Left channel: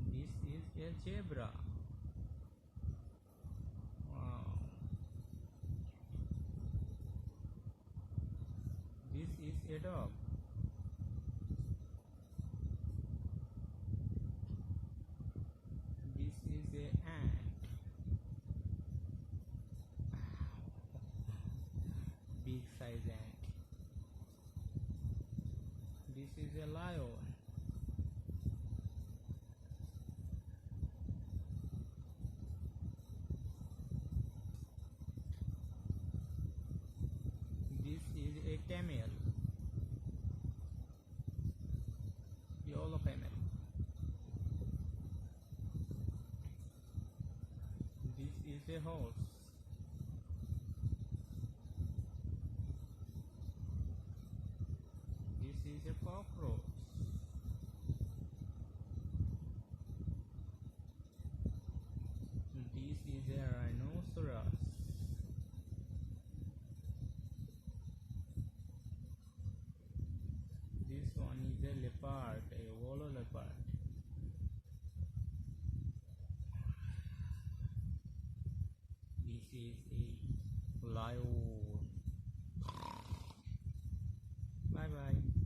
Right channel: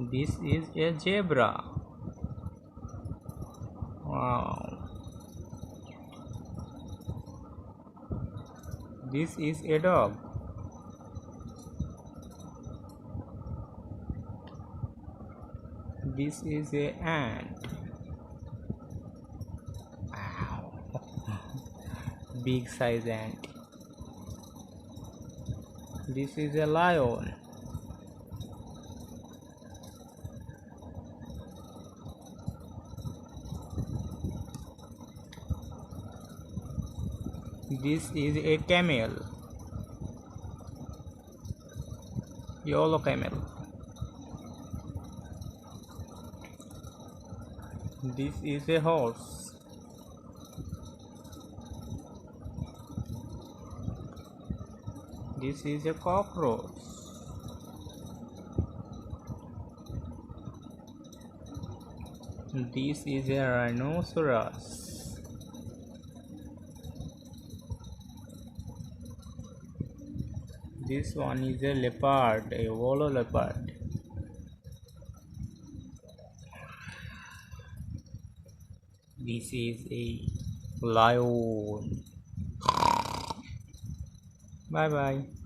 This is a zebra. Wow. This is a dog. This is a ant. Wow. Big size ant. This is a lion. This is a camel. Yellow camel. This is a horse. This is a cockroach. This is a rhinoceros. This one is a leopard, a yellow leopard. This is a lion. Bye bye.